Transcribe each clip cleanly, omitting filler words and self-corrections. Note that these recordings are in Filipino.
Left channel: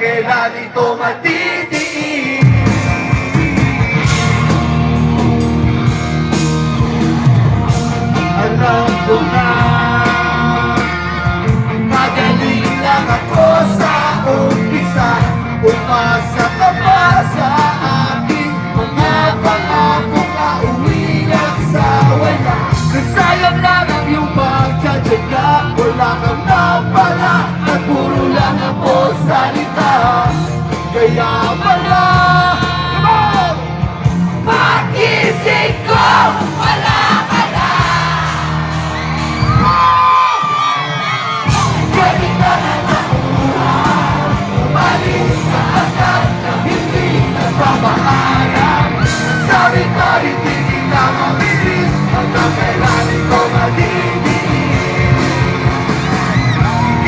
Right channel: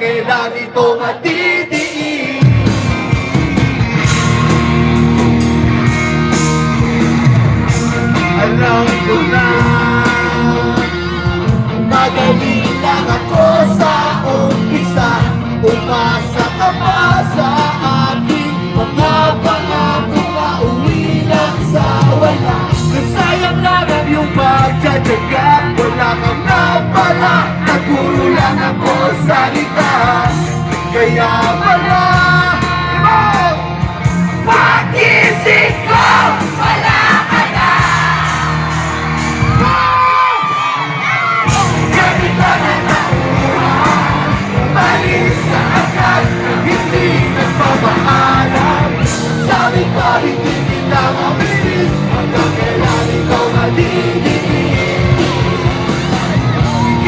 kailan ito matitiin. Alam ko na magaling lang ako sa umpisa. Umasa ka pa sa aking mga pangako na uwi lang sa wala. Nasayang lang ang iyong pagtsatsaga. Wala kang napala at puro lang ako salita. Kaya pala pag-isip ko wala ka na. Gamit ka na nakuha, umalis ka agad na hindi nagpapaalam. Sabi ko hindi kita mamilis hanggang kailan ikaw madidiin.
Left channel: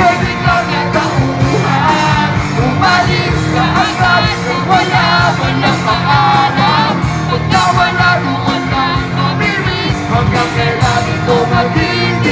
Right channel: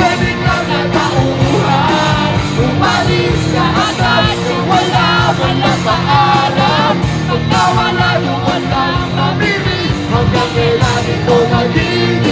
Gamit ka na tauhan, umalis ka agad na wala man na paalam. Pag nawala yung wala mamilis hanggang kailan ikaw madidiin.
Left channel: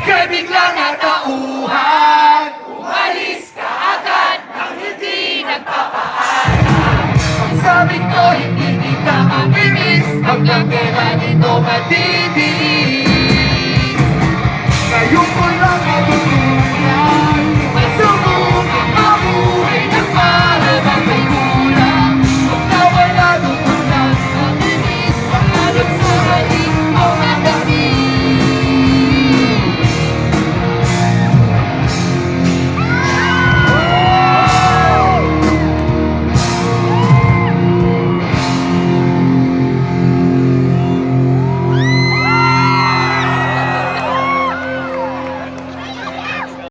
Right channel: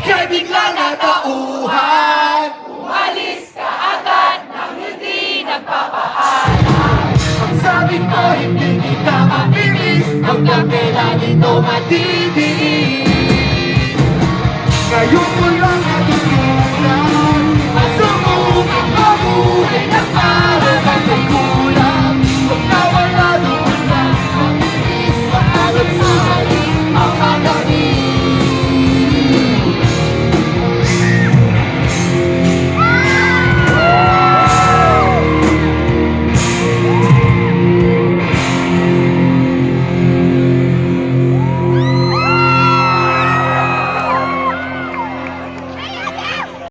Ika'y biglang natauhan, umalis ka agad nang hindi nagpapaalam. Ang sabi ko hindi kita mamilis hanggang kailan ito matiis.